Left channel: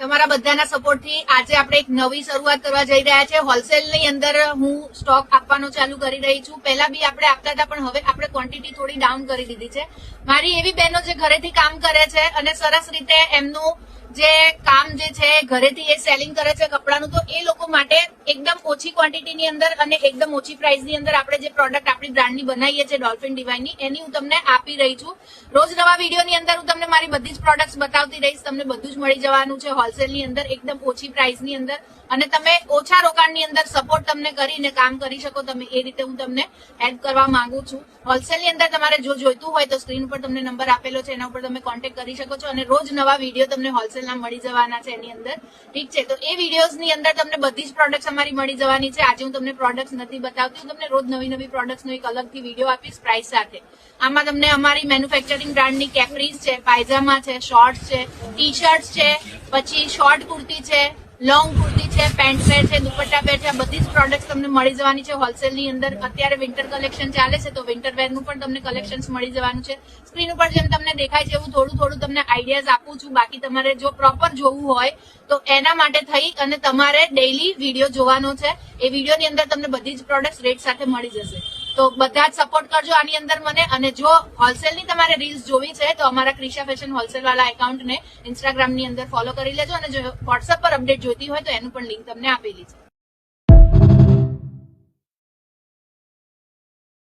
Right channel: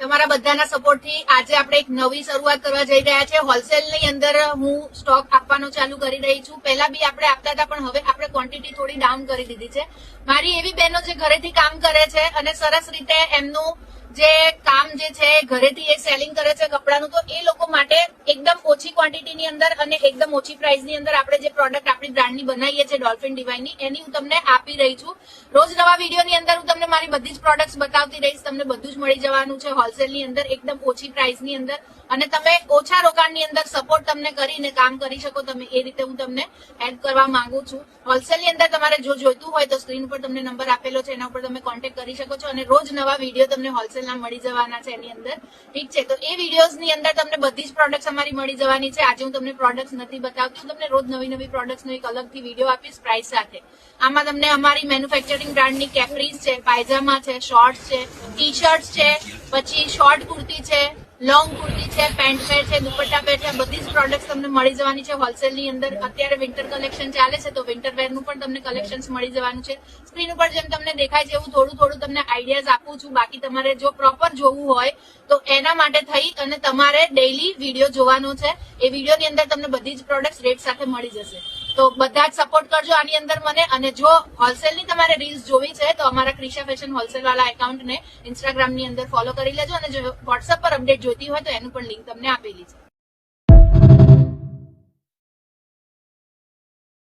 તમારા બધાના સપોર્ટથી આજે આપણે એક નવી શરૂઆત કરવા જઈ રહ્યા છે. હોલસેલની અંદર હું સ્ટોક આપવાનો ચાલુ કરી રહી છું. પહેલા બી આપણે આપતા હતા, પણ હવે આપણે ક્વોન્ટિટી થોડી ડાઉન કરી દીધી છે. મારી એવી બહેનો જે ઘરેથી કામ કરે છે અને સરસ રીતે એમનું જે કામ જે છે ઘરેથી એ સેલિંગ કરે છે કપડાનું, તો એ લોકો માટે એકદમ ઓછી ક્વોન્ટિટીની અંદર અને એકદમ ઓછી પ્રાઇસની અંદર આપણે જે પ્રોડક્ટ આપણી બ્રાન્ડની બનાવીએ છીએ ડોલ્ફિન ડિવાઇનની, એની હું તમને આપી રહી છું. રોજ નવા વિડીયોની અંદર હું તમને મારી બધી જ પ્રોડક્ટ્સ બતાવતી રહીશ. તમને બધું જ મળી જવાનું છે હોલસેલની અંદર એકદમ ઓછી પ્રાઇસની અંદર, અને તમે ઓછા રોકાણની અંદર સપોર્ટ તમને કરીને કામ કરી શકો તમે એ રીતે હું તમને એડ કરવા માંગુ છું. હોલસેલની અંદર તમારે જો જોઈતું હોય તો સ્ક્રીન ઉપર તમને નંબર આપેલો છે, એના ઉપર તમે કોન્ટેક્ટ કરી શકો છો અને રોજ નવા વિડીયો તમને હોલસેલના મળી જવાના છે એની અંદર. ઠીક છે, તો એ વિડીયોઝની અંદર તમને બધી જ પ્રોડક્ટ્સ અમારી મળી જવાની છે. આજે હું તમને પ્રોડક્ટ્સ નથી બતાવતી, હું તમને રોજ નવી નવી પ્રોડક્ટ્સનો એક અલગથી વિડીયો આપીશ પ્રાઇસ સાથે. આમાં તમને અમારી મેન્યુફેક્ચરિંગ બ્રાન્ડની કેપરીઝ છે, પાયજામા છે, શોર્ટ્સ છે, ટી શર્ટ છે, પછી શોર્ટ કુર્તી છે, લોંગ કુર્તી છે, પેન્ટ પેર છે, દુપટ્ટા પેર છે, બધી જ પ્રોડક્ટ્સ તમને મળી જવાની છે હોલસેલની અંદર. અત્યારે વિન્ટર કલેક્શન ચાલે છે, તો વિન્ટર વેરનું પણ તમને કલેક્શન મળી જવાનું છે. સ્ક્રીન ઉપર જેમ તમને દેખાય છે એવું થોડું થોડું તમને આઈડિયાઝ આપું છું. બાકી તમારે જો પ્રોપર જોવું હોય તો એના માટે થઈ અને તમારે ડેઈલી વિડીયો જોવાનો છે. એ વિડીયોની અંદર તમને બધી જ પ્રોડક્ટ્સ રેટ સાથે મળી જશે. તો બધા જ સપોર્ટ કરજો આની અંદર મને. અને જો હોલસેલની તમારે રીલ્સ જોવી છે તો અમારા ક્રિશા ફેશન હોલસેલ વાળા એકાઉન્ટને ઇન્સ્ટાગ્રામની અંદર ફોલો કરી લેજો, અને જો વોટ્સએપ પર અપડેટ જોઈતી હોય તો એનું પણ લિંક તમને આપેલી છે.